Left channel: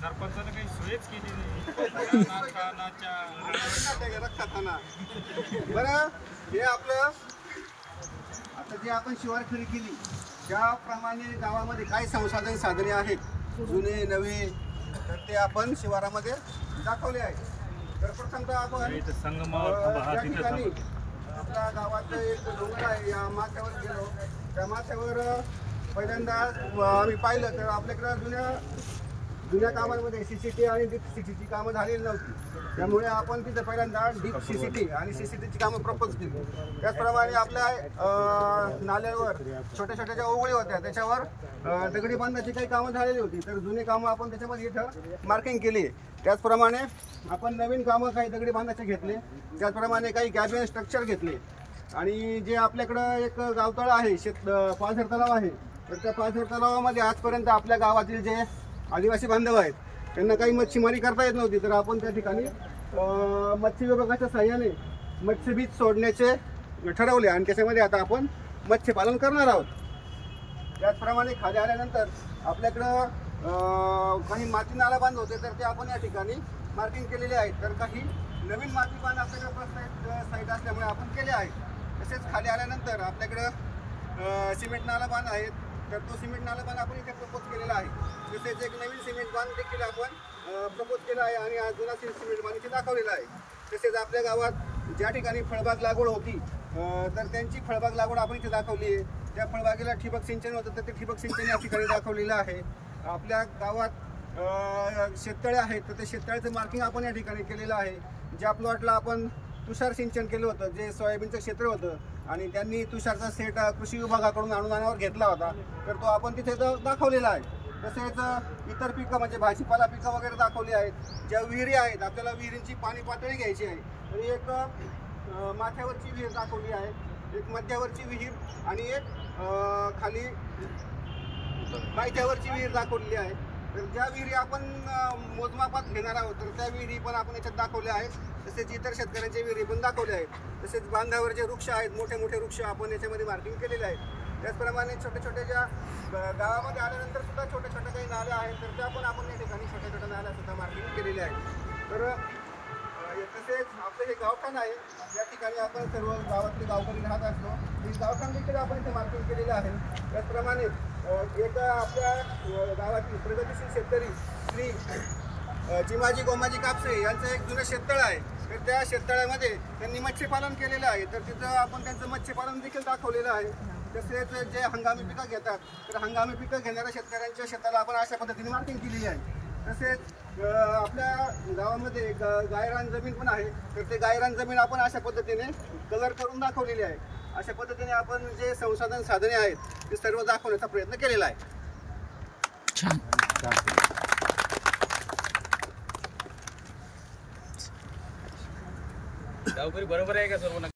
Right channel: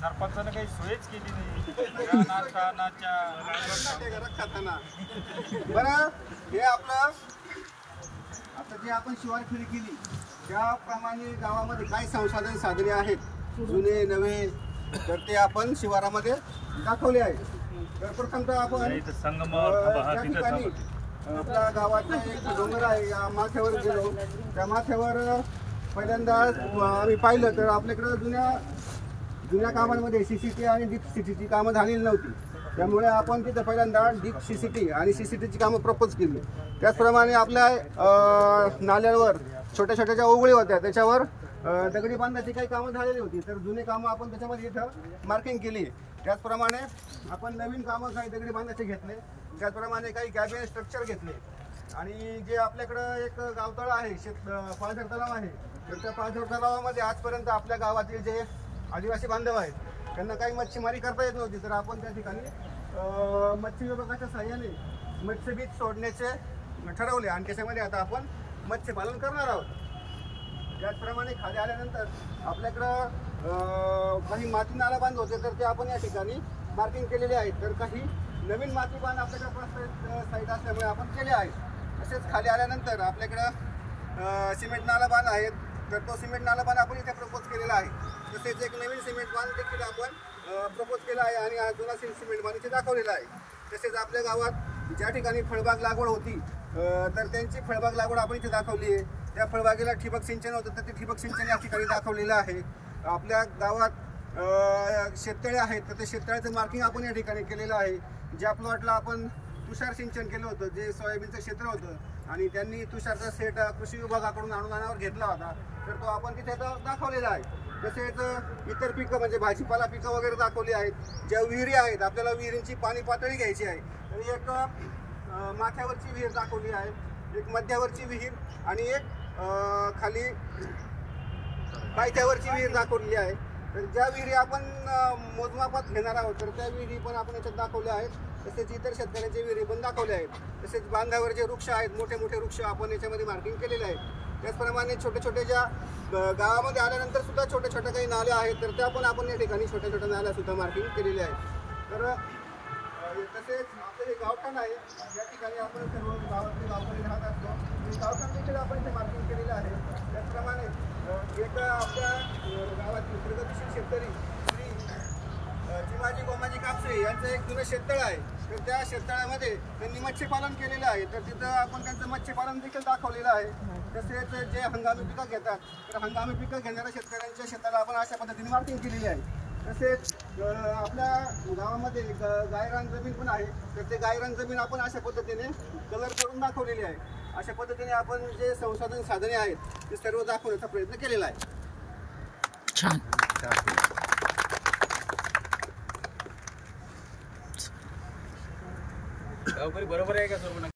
सरपंचाने काही सोयच केली नाही. बरं, हे आपलं आता जे आपण शिवार फेरी केली त्याप्रमाणे गावामध्ये काय संसाधन साधने आहेत जुने नवे, तर ते आपण शिवारामध्ये दाखवले आहे. तर प्रथमतः आपण आपल्या गावाचं एक डोंगर आहे, या माथ्यावर गेलो. त्या माथ्यावर पहिल्यांदा आम्ही पाहिलं तर आपल्याकडं जुन्या कामांमध्ये CCT आणि डीप CCT कामं झालेली नव्हती. त्यामुळे आपण तिथे पहिल्यांदा डीप CCT आणि CCTची कामं प्रपोज केली. त्याचप्रमाणे आपल्या नाल्यावर छोट्या छोट्या ज्या ओवळी होत्या त्याच्यावर दगडी बांधण्याची काही कामं झालेली होती, तर जुने कामं आपण त्याच्यामध्ये इथं मार्किंग केली. त्याचप्रमाणे आपण नवीन कामं काही दगडी बांधायचे घेतले. त्याचप्रमाणे काही कॅबिन स्ट्रक्चर घेतले. आणि जे आपल्याकडं एक गावतळ आहे, पाझर तलाव आहे, तर त्या पाझर तलावामध्ये आजपर्यंत आपल्या गावातील जे आदिवासी बांधव आहेत त्यांना काही मच्छीमारी करता येत नव्हती, तर आपण त्या ठिकाणी मत्स्य विभागाच्या सहाय्याने मत्स्यबीज सोडण्याचे ठरवले आणि त्याच्यामध्ये आता आपण मत्स्यपालन करणार आहोत. त्याचप्रमाणे खाली आल्यानंतर आपल्याकडं काही माती नाला बांध होते, तर ते आपण या ठिकाणी मार्किंग केलेले आहेत. तर काही नवीन माती बांध आपल्याकडे साईड असल्यामुळे आपण केले आहेत. तसेच खाली आल्यानंतर आपल्याकडं सिमेंट नाला बांध आहेत, तर तो सिमेंट नाला बांध आपण इथे प्रपोज केलेला आहे. तसेच एक नवीन सिमेंट बांध देखील आपण प्रपोज केला आहे आणि हा जुना सिमेंट बांध इथे दाखवलेला आहे. तसेच आपल्या गावात ज्या ठिकाणी फळबाग लागवड होती, तर त्यांची फळबाग लागवड आपण इथे दाखवली आहे. त्या फळबागेला ठिबक सिंचन होतं, तर ते ठिबक सिंचन या ठिकाणी दाखवलेलं आहे. आपल्या गावात शेततळे आहेत, तर ते शेततळ्याचं मार्किंग आपण या ठिकाणी केलेलं आहे. ज्या प्लॉटला आपण तुषार सिंचन केलं होतं, जे सोयाबीनचं क्षेत्र होतं आणि त्यांनी तुषारचा सेट कृषी विभागाकडून अनुदानावर घेतला होता, तर तो आपण तिथे दाखवलेला आहे. तसेच इतर पिकं म्हणजे भाजीपाला पिकं वगैरे दाखवली आहेत. ज्या विहिरी आहेत, आपल्याला विहिरींची पाणी पातळी घ्यायची आहे, आणि एक माथ्यावरची विहीर दाखवली आहे, एक मध्यावरची विहीर आणि एक खाली पायथ्यावरची विहीर दाखवलेली आहे. तर ज्या विहिरी आपण मोजमापात घेणार आहोत, तर त्या विहिरी पण आपण याच्यात दाखवल्या आहेत. तसेच इतर शेतकऱ्यांच्या विहिरी पण दाखवल्या आहेत. तसेच बांधावर जे वृक्ष आहेत, मोठे मोठे वृक्ष आपण याच्यामध्ये मार्किंग केलेले आहेत. त्याचप्रमाणे छोटे छोटे ज्या गावामध्ये आल्यानंतर सुद्धा छोटे छोटे काही नाले आहेत, तर त्या पण आपण या ठिकाणी छोट्या छोट्या नाल्या सुद्धा मार्किंग केलेल्या आहेत. तर तसेच आपलं हे गावठाण आहे, या ठिकाणी आपण सर्व गावातले गावकरी राहत असतो, हे गावठाण देखील आपण इथे मार्किंग केलेलं आहे. त्याचप्रमाणे एक आपल्या गावातील प्रगतीशील शेतकरी श्री चिमाजी गोमाजी कापसे यांचं एक जुनं शेततळ आहे, तर त्या शेततळ्यामध्ये त्यांनी मत्स्यपालन केलेलं आहे, तर तिथं आपण त्यांचं मत्स्यपालन देखील दाखवलेलं आहे. तसेच जे हंगामी पिकं घेतात, तर हंगामी पिकं घेणाऱ्या शेतकऱ्यांच्या शेताला आपण अशा पद्धतीने मार्किंग केलेली आहे. तसेच आपल्या गावामध्ये गायरान जमीन पण आहे, तर ते गायरान जमीन आपण अशा पद्धतीने कलर करून दाखवलेली आहे. अशा पद्धतीने आपण जे संसाधन साधने आहेत ते सर्व दाखवण्याचा प्रयत्न केलेला आहे. छान. गावकरी बरोबर आहे का सर्व?